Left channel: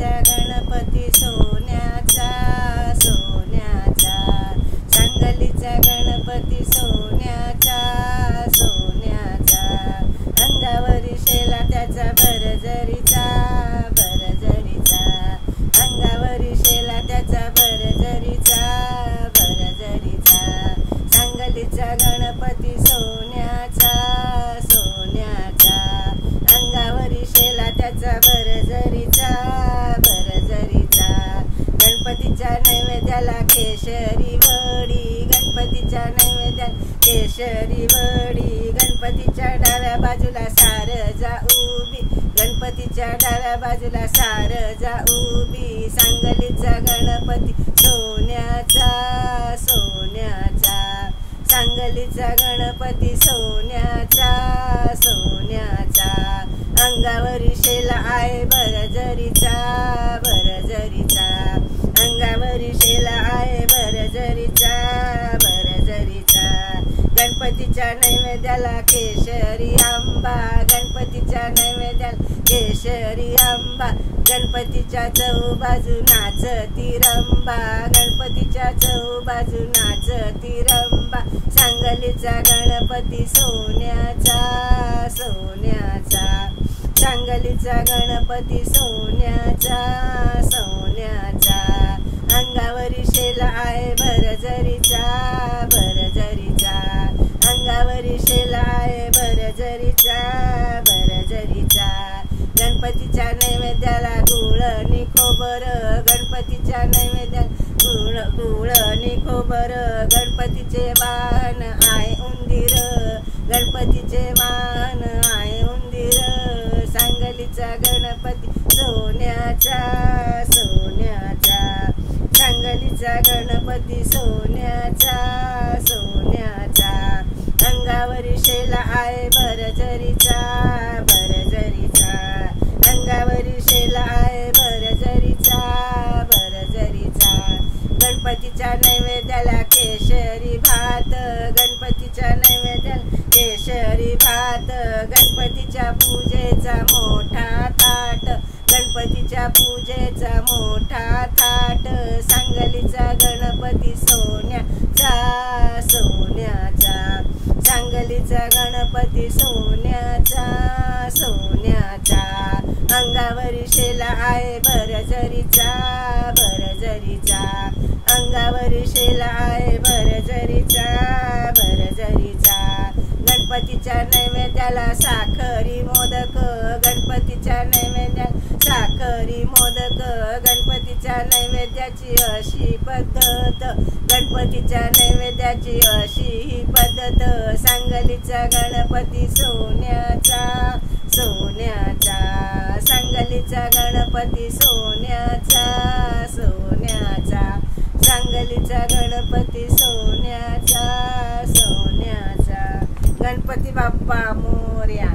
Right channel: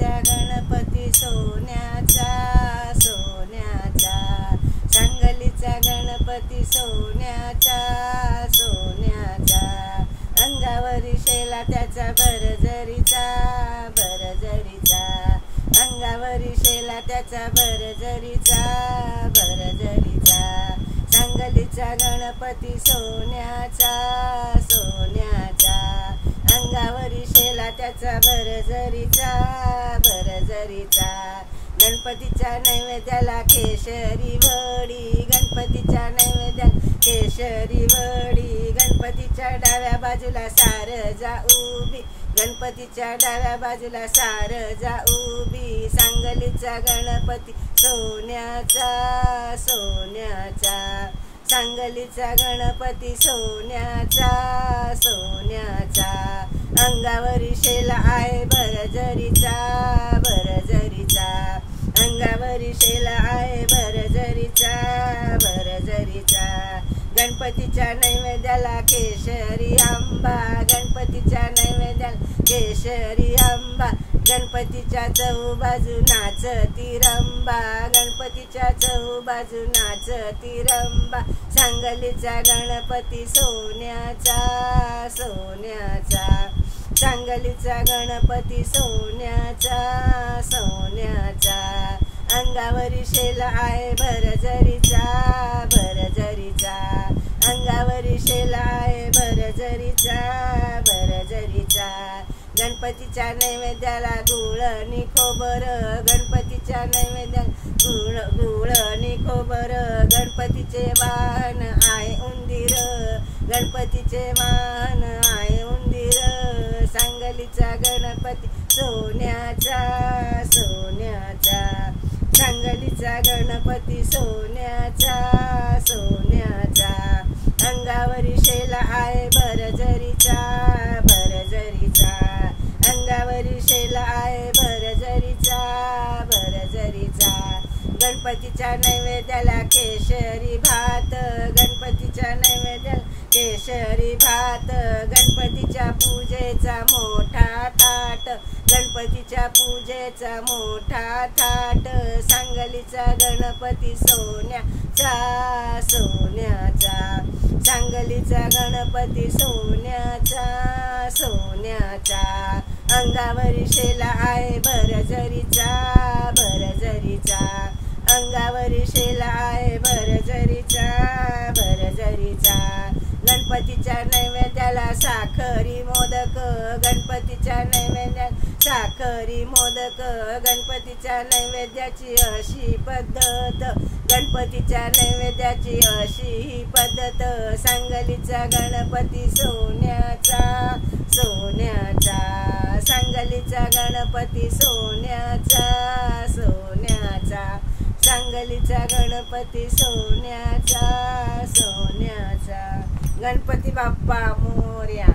सांगलीचा गणपती सोन्याचा सोन्याचा, सांगलीचा गणपती सोन्याचा सोन्याचा, अंगावरी शेला त्याचा भरजरीचा भरजरीचा, अंगावरी शेला त्याचा भरजरीचा भरजरीचा, सांगलीचा गणपती सोन्याचा सोन्याचा, अंगावरी शेला त्याचा भरजरीचा भरजरीचा, गणपतीच्या नैवेद्याला केशरी वडी, गणपतीच्या नैवेद्याला केशरी वडी, गणपतीच्या डाव्या बाजूला सारजा उभी, गणपतीच्या डाव्या बाजूला सारजा उभी, सांगलीचा गणपती सोन्याचा सोन्याचा, सांगलीचा गणपती सोन्याचा सोन्याचा, अंगावरी शेला आहे भरजरीचा भरजरीचा, अंगावरी शेला आहे भरजरीचा भरजरीचा, गणपतीच्या नैवेद्याला केशरी आंबा, गणपतीच्या नैवेद्याला केशरी आंबा, गणपतीच्या चहूबाजू नाचती रंबा, गणपतीच्या चहूबाजू नाचती रंबा, सांगलीचा गणपती सोन्याचा सोन्याचा, सांगलीचा गणपती सोन्याचा सोन्याचा, अंगावरी शेला आहे भरजरीचा भरजरीचा, अंगावरी शेला आहे भरजरीचा भरजरीचा, गणपतीच्या नैवेद्याला गुळ आणि खोबर, गणपतीच्या नैवेद्याला गुळ आणि खोबर, गणपतीचे वाहन आहे उंदीर, गणपतीचे वाहन आहे उंदीर, सांगलीचा गणपती सोन्याचा सोन्याचा, सांगलीचा गणपती सोन्याचा सोन्याचा, अंगावरी शेला आहे भरजरीचा भरजरीचा, अंगावरी शेला आहे भरजरीचा भरजरीचा, गणपतीच्या नैवेद्याला केशरी भात, गणपतीच्या नैवेद्याला केशरी भात, गणपतीच्या पूजेचा मोठा थाट, गणपतीच्या पूजेचा मोठा थाट, सांगलीचा गणपती सोन्याचा सोन्याचा, सांगलीचा गणपती सोन्याचा सोन्याचा, अंगावरी शेला आहे भरजरीचा भरजरीचा, अंगावरी शेला आहे भरजरीचा भरजरीचा, गणपतीच्या नैवेद्याला साखरी मोदक, गणपतीच्या नैवेद्याला साखरी मोदक, गणपतीच्या नैवेद्याची अशी पद्धत, गणपतीच्या नैवेद्याची अशी ही पद्धत, सांगलीचा गणपती सोन्याचा सोन्याचा, सांगलीचा गणपती सोन्याचा सोन्याचा, सांगलीचा गणपती सोन्याचा सोन्याचा, गणपती बाप्पा मोरया।